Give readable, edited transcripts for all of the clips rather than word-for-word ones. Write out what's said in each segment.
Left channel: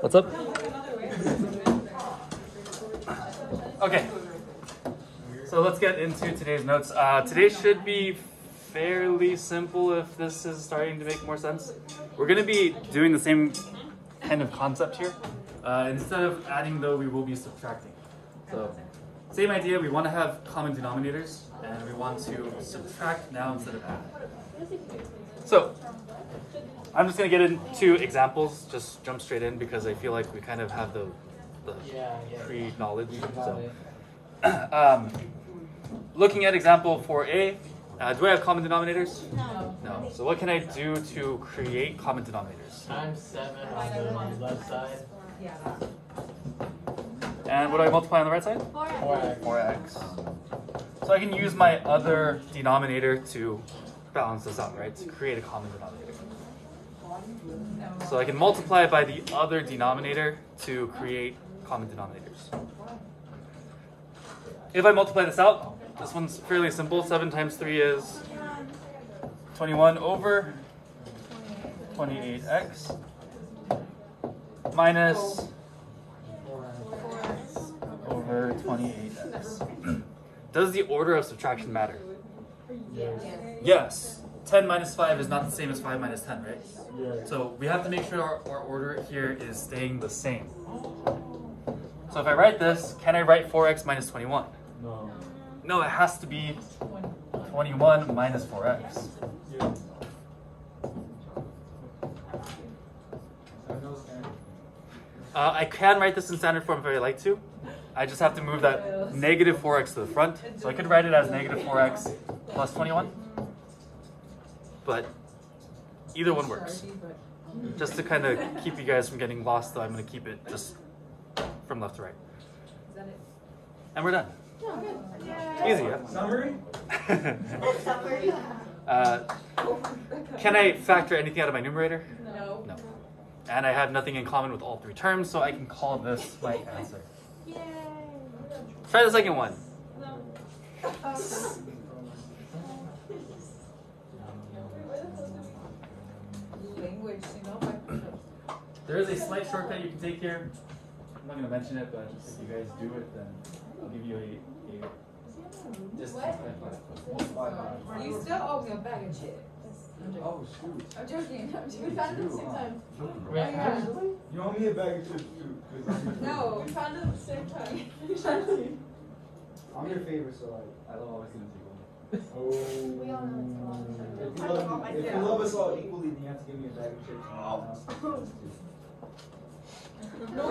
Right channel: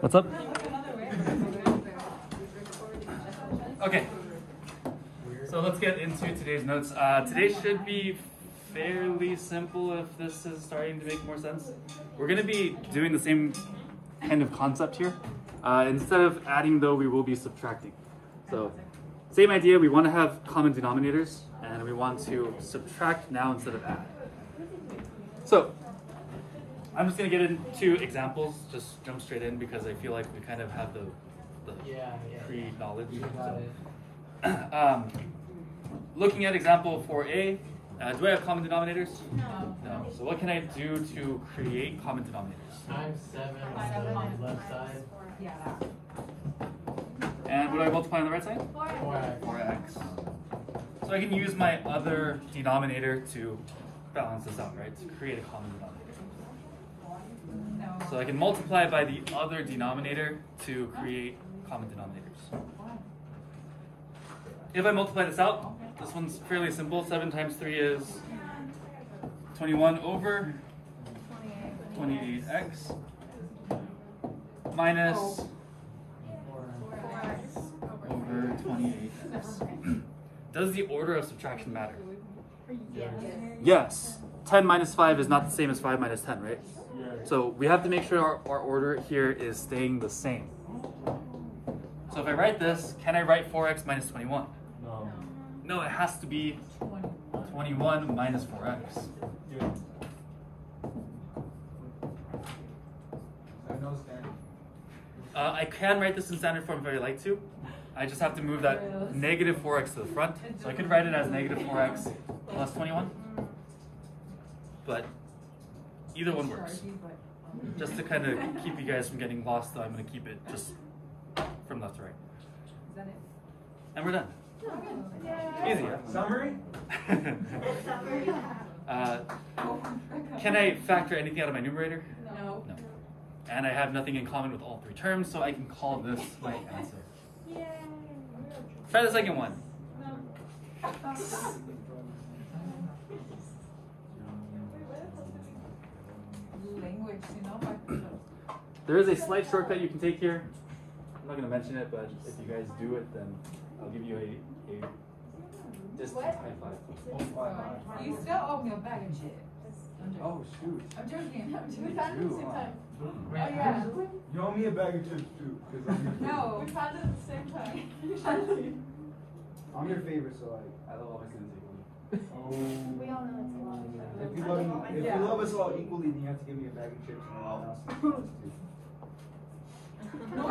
What's up? Okay. So let's get into today's notes. Today should be fairly simple if this is starting to make more sense. We're going to be doing the same kind of concept here. Instead of adding though, we will be subtracting. So same idea, we want to have common denominators and we want to subtract now instead of add. So I'm just going to get into examples, just jump straight in because I feel like we kind of have the pre-knowledge. So, looking at example 4a, do I have common denominators? No. No. So what can I do to create common denominators? Times 7 on the left side. And what do I multiply on the right side? 4x. 4x. So I can use my other denominator to balance this out, right? To create a common denominator. So I can multiply by the other denominator to create common denominators. If I multiply this out, this one's fairly simple. 7 times 3 is 21 over 28x minus over 28x. Does the order of subtraction matter? Yes. 10 minus 5 is not the same as 5 minus 10, right? So we have to make sure our order here is staying the same. So if I write this, can I write 4x minus 21? No, it has to be 21 minus 4x. I can write this in standard form if I like to. I just have to move that negative 4x to the front. So I could write it as negative 4x plus 21. But either one works. Just to kind of keep you guys from getting lost, though, I'm going to keep it just from left to right. And we're done. Easy, yeah? Summary? Can I factor anything out of my numerator? No. No. And I have nothing in common with all three terms, so I can call this my answer. Yay. Try the second one. Language, you know. There is a slight shortcut you can take here. I'm not going to mention it, but if you guys do it, then I'll give you a discount. You still owe me a bag of shit. Oh, shoot. I'm joking. We found it at the same time. Wait, Yeah. You owe me a bag of chips, too. No, we found it at the same time. I'm your favorite, so I don't always going to take one. Oh. If you love us all equally, then you have to give me a bag of chips. No,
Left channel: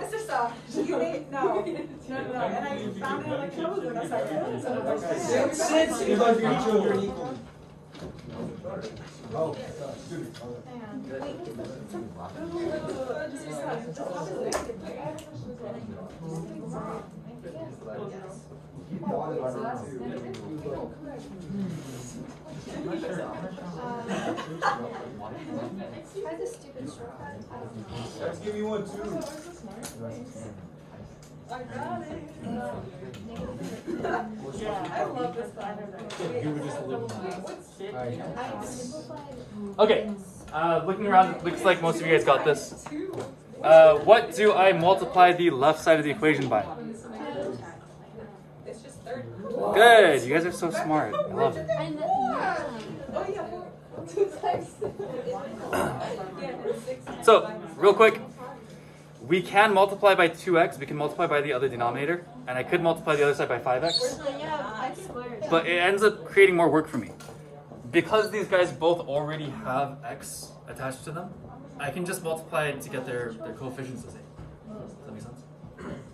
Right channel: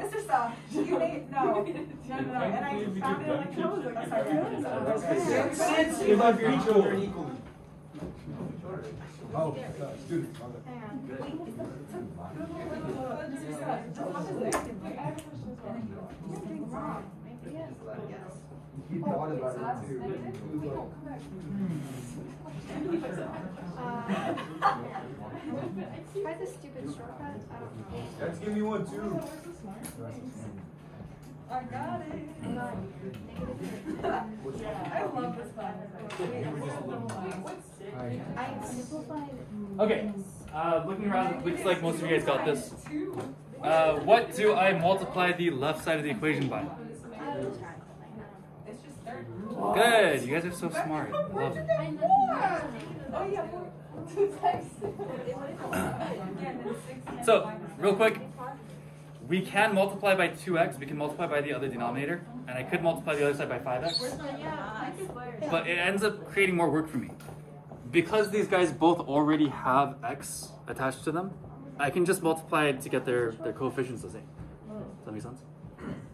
Mr. Star, you made no. And I found it like that's like You love your children equally. Oh, dude. Let's give me one too. I got it. I love this one. You were just a little Okay, looking around, it looks like most of you guys got this. What do I multiply the left side of the equation by? It's just 30. Good, you guys are so smart. I love it. Oh yeah, 2 times. So, real quick, we can multiply by 2x, we can multiply by the other denominator, and I could multiply the other side by 5x, but it ends up creating more work for me. Because these guys both already have x attached to them, I can just multiply to get their coefficients the same. Does that make sense?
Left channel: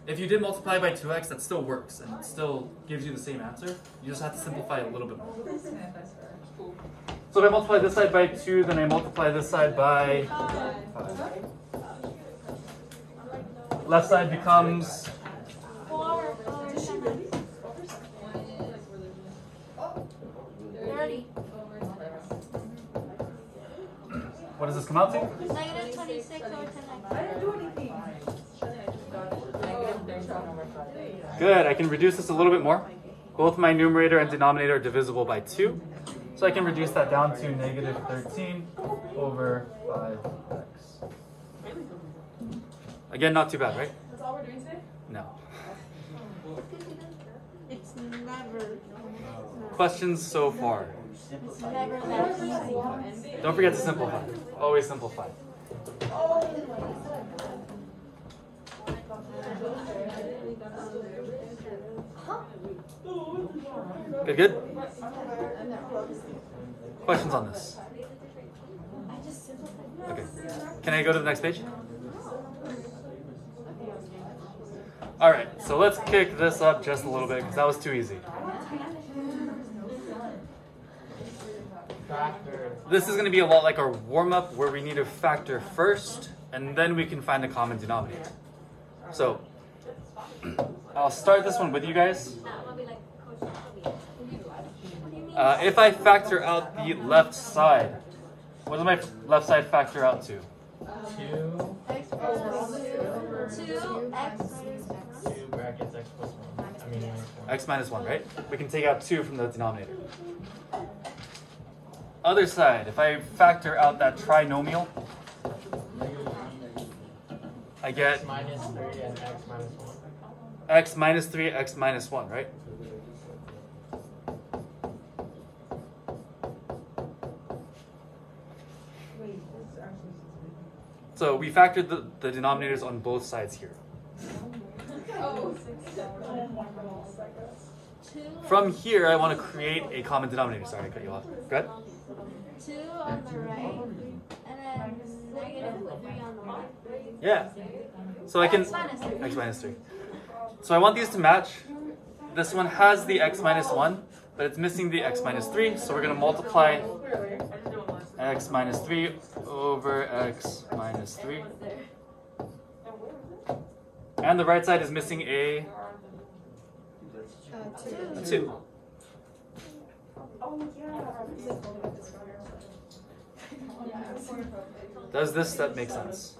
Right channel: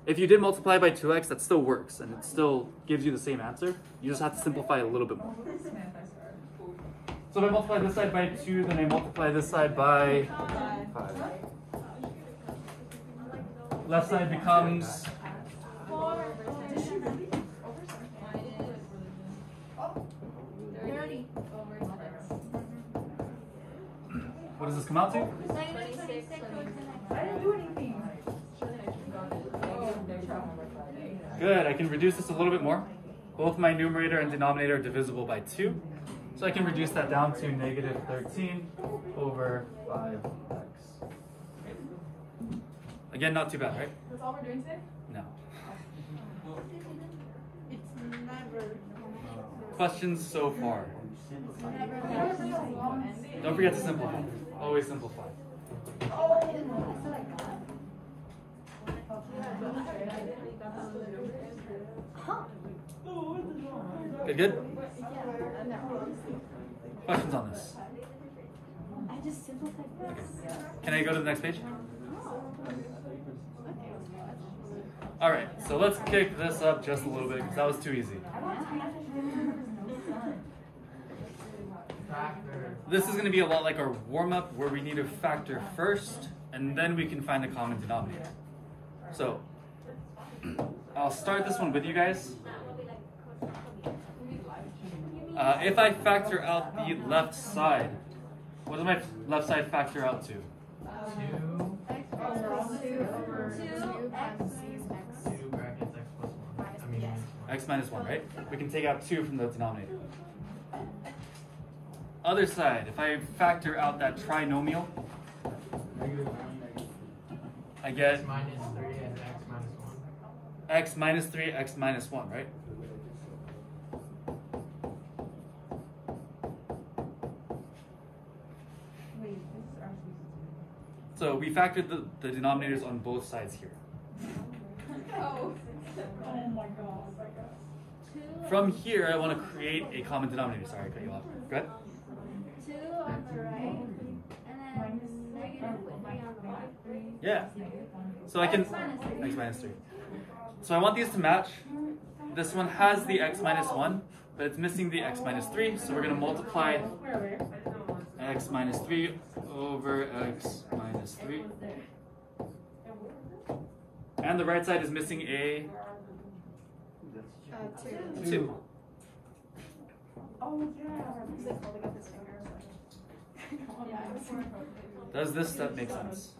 If you did multiply by 2x, that still works, and it still gives you the same answer. You just have to simplify a little bit more. So if I multiply this side by 2, then I multiply this side by 5. Left side becomes 4. what does this come out to? Negative 26 over 10. I didn't do anything. Good, I can reduce this a little bit more. Both my numerator and denominator are divisible by 2. So I can reduce that down to negative 13 over 5x. Again, not too bad, right? That's all we're doing today? No. It's never. Questions so far? Don't forget to simplify. Always simplify. Good, good? Questions on this? Okay. Can I go to the next page? All right, so let's kick this up just a little bit because that was too easy. Factor. This is going to be a lot like our warm-up where we need to factor first and then we can find a common denominator. So I'll start this one with you guys. If I factor out the left side, what does my left side factor out to? 2 brackets x plus 1. I mean minus 1. X minus 1, right? We can take out 2 from the denominator. Other side, if I factor out that trinomial, I get X minus 3 and x minus 1. x minus 3, x minus 1, right? So we factored the denominators on both sides here. Oh my god. From here, I want to create a common denominator. Sorry, I cut you off. Go ahead. 2 on the right, and then negative 3 on the left. Yeah. So I can X minus 3. x minus 3. So I want these to match. This one has the x minus 1, but it's missing the x minus 3. So we're going to multiply x minus 3 over x minus 3. And the right side is missing a 2. Does this step make sense?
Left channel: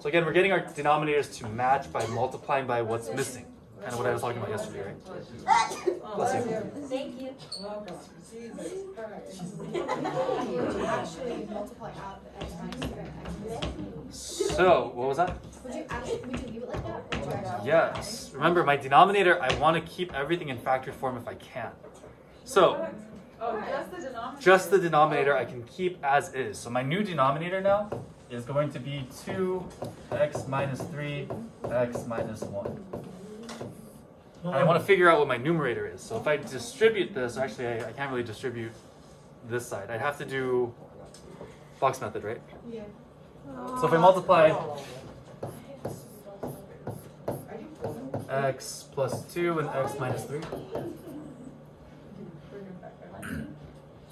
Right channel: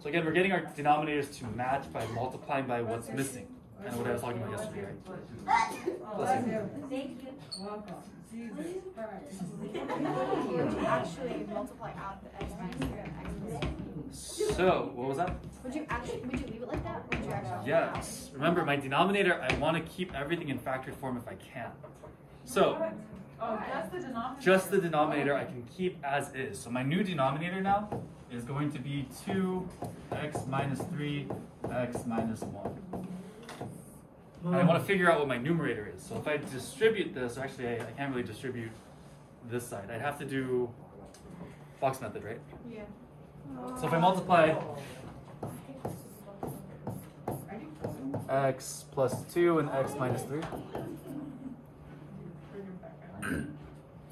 So again, we're getting our denominators to match by multiplying by what's missing. Kind of what I was talking about yesterday, right? Bless you. Thank you. So, what was that? Yes. Remember, my denominator, I want to keep everything in factored form if I can. So, Oh, just the denominator. just the denominator I can keep as is. So my new denominator now is going to be 2x minus 3, x minus 1. And I want to figure out what my numerator is. So if I distribute this, actually I can't really distribute this side. I'd have to do Fox method, right? Yeah. So if I multiply x plus 2 and x minus 3.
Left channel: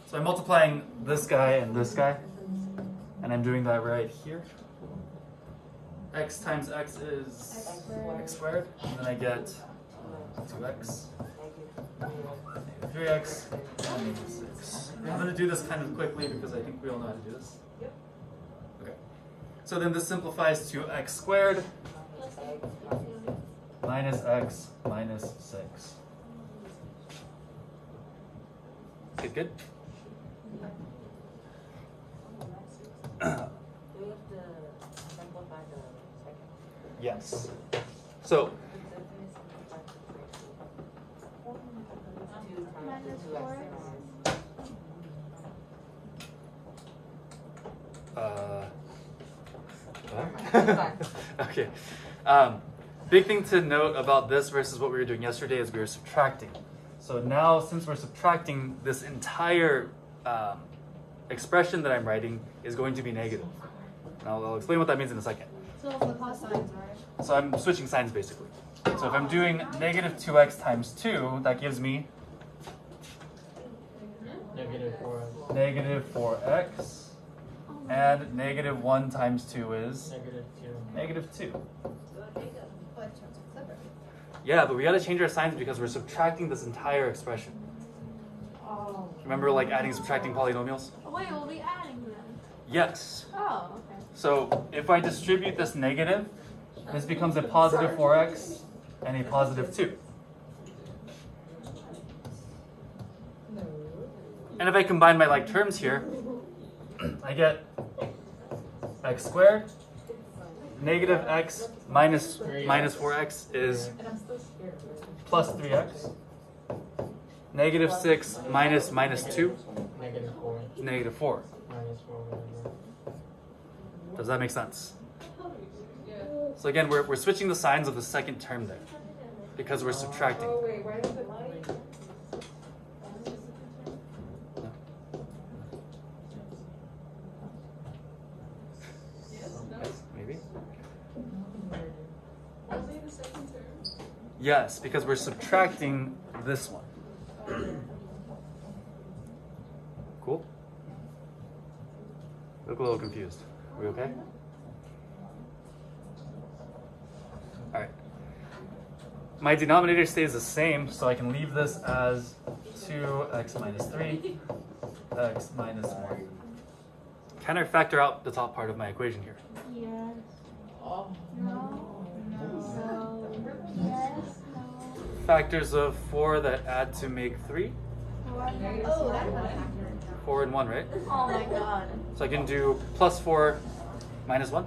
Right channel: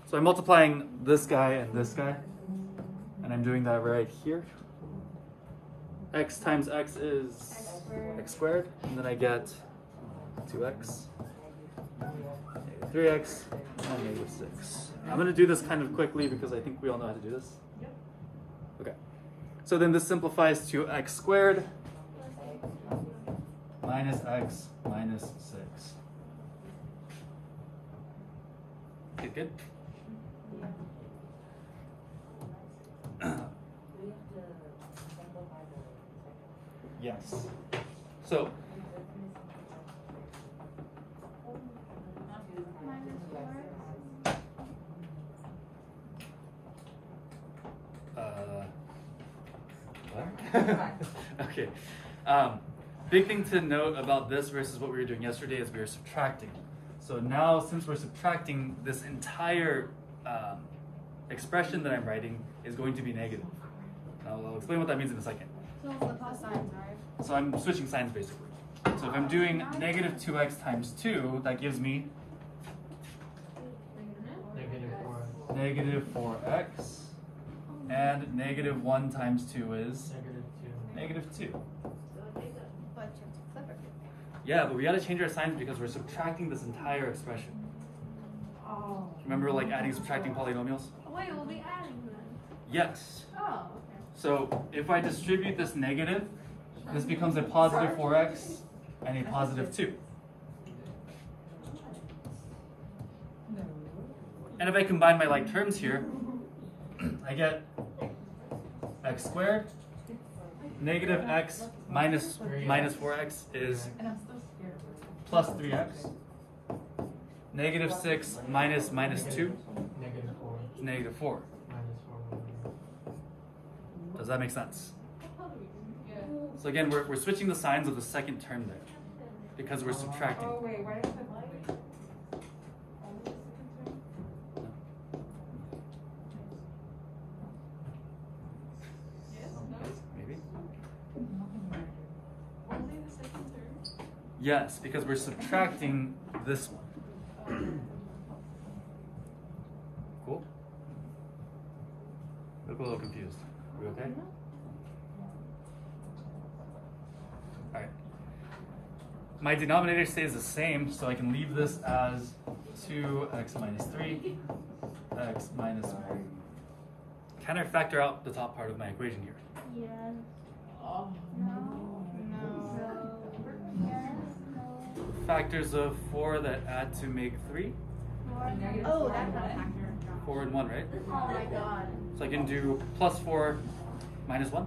So I'm multiplying this guy and this guy, and I'm doing that right here. X times x is x squared, and then I get 2x, 3x, and negative 6. I'm going to do this kind of quickly because I think we all know how to do this. Okay. So then this simplifies to x squared minus x minus 6. Good, good. Yes. So Minus 4. Okay. Big thing to note about this versus what we were doing yesterday is we were subtracting. So now, since we're subtracting, this entire expression that I'm writing is going to be negative. And I'll explain what that means in a second. So the plus signs, right? So I'm switching signs basically. So if I'm doing negative 2x times 2, that gives me Negative 4x. negative 4x. And negative 1 times 2 is Negative 2. negative 2. Yeah, but we gotta change our signs because we're subtracting this entire expression. Oh. Remember like adding and subtracting polynomials? Oh, wait, we'll be adding then. Yes. Oh, okay. So if I distribute this negative, this becomes a positive 4x and a positive 2. And if I combine my like terms here, I get x squared, negative x minus 4x is plus 3x. Negative 6 minus 2, Negative 4. negative 4. Minus 4, whatever. Does that make sense? So again, we're switching the signs of the second term there because we're subtracting. Oh wait, why does it? Maybe. Yes, because we're subtracting this one. Cool? Look a little confused. Are we okay? Alright. My denominator stays the same, so I can leave this as 2x minus 3, x minus 1. Can I factor out the top part of my equation here? Yes. No. No. Yes. No. Factors of 4 that add to make 3? 4 and 1, right? Oh my god. So I can do plus 4 minus 1.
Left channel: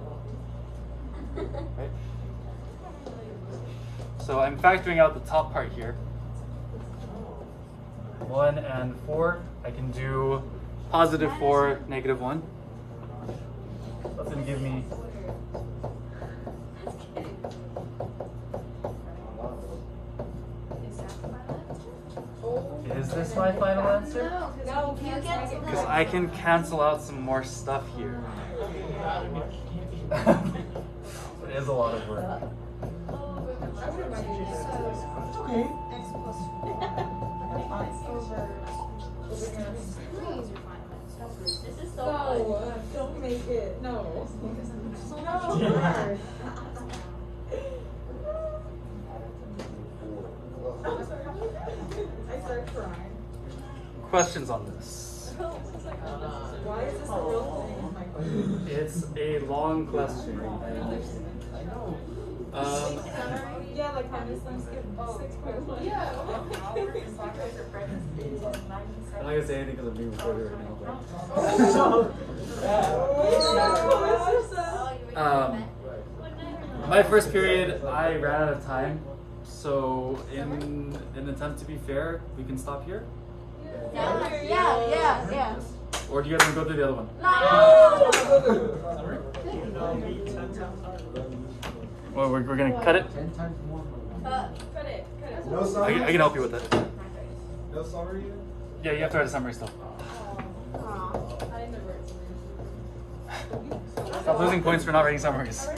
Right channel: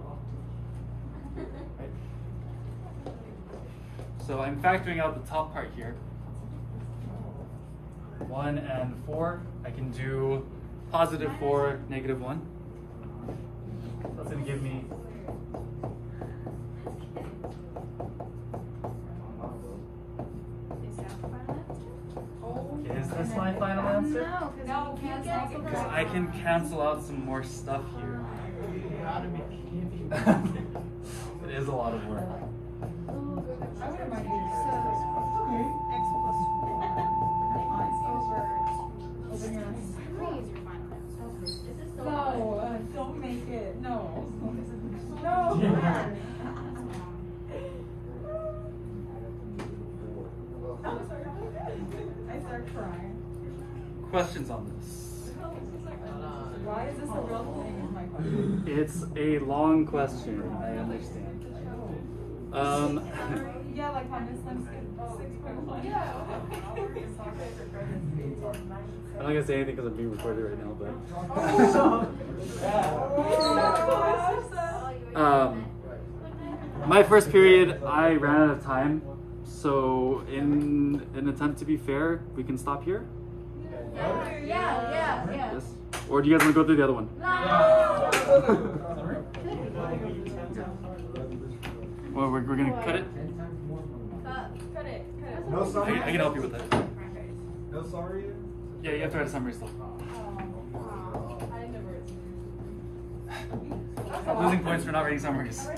Right? So I'm factoring out the top part here. 1 and 4. I can do positive 4, negative 1. That's going to give me Is this my final answer? No, You get to Because I can cancel out some more stuff here. It is a lot of work. I would imagine okay. No, don't make it. No. No. I start crying. Questions on this? Why is this a real thing? Oh my god. It's a long question. Yeah, like how Miss Lim skipped 6.1. Yeah. I'm not gonna say anything because I'm being recorded right now. But my first period, I ran out of time. So, in an attempt to be fair, we can stop here. Yeah. Or do you guys want to go through the other one? No. Well, we're gonna cut it. No I summary? can help you with it. No summary yet? Yeah, you have to write a summary still. Stop losing points for not writing summaries.